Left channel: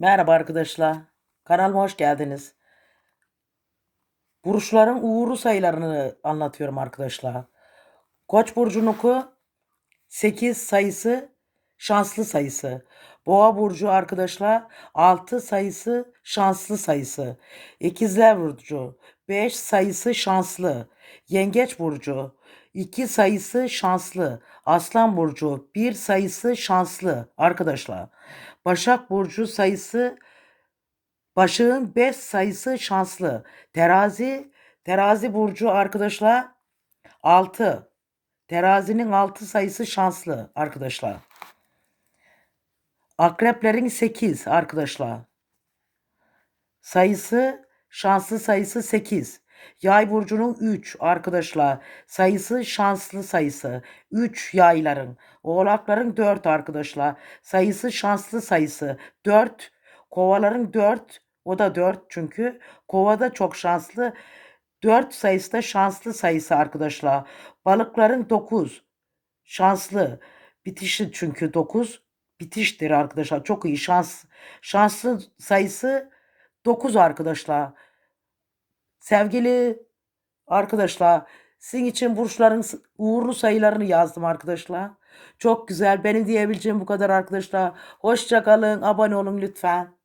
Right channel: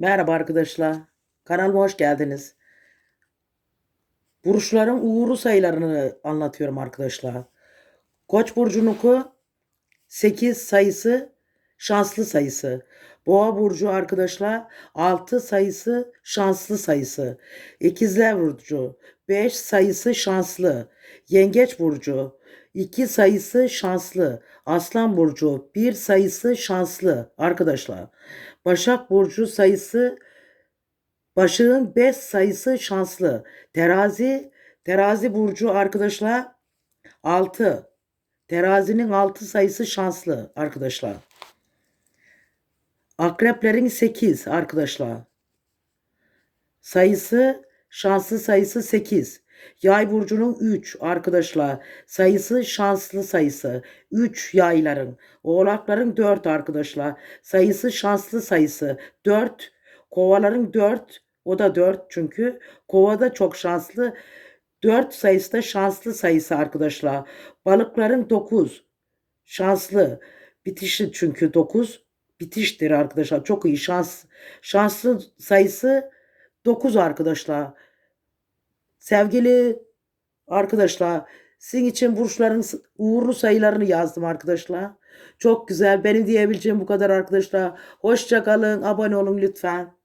Merhaba arkadaşlar. Kanalıma hoş geldiniz. Burçların uğurlu sayılarını anlatıyorum arkadaşlar. Koç burcunuku 8 sayısı şanslı sayısı. Boğa burcu arkadaşlar 6 sayısı şanslı sayısı. İkizler burcu 5 sayısı şanslı. Yengeç burcu 2 sayısı şanslı. Aslan burcu 1 sayısı şanslı arkadaşlar. Başak burcu sayısı Başığın 5 sayısı şanslı. Terazi, terazi burcu arkadaşlar 6. Terazinin 6 sayısı şanslı arkadaşlar. Akreplerin 8 arkadaşlar. Sayısı şanslı sayısı 8. Yay burcunun 3 arkadaşlar. Sayısı şanslı sayısı. 3 yayların. Oğlakların 4 arkadaşlar. Sayısı şanslı sayısı. 4. Kovaların 4. O da 4 çünkü. Kova da çok şanslı. 4 sayısı da şanslı sayısı arkadaşlar. Balıkların 9. Şanslı. Bitişi çünkü 9. Bitiştir arkadaşlar. Çok iyi şans. Şanslı sayısı 9 arkadaşlar. Sevgili arkadaşlar, sizin için burçların uğurlu sayılarını yazdım arkadaşlar. Çok güzel. Benim diyebileceğim bu kadar arkadaşlar. Hoşça kalın. Abone olun lütfen.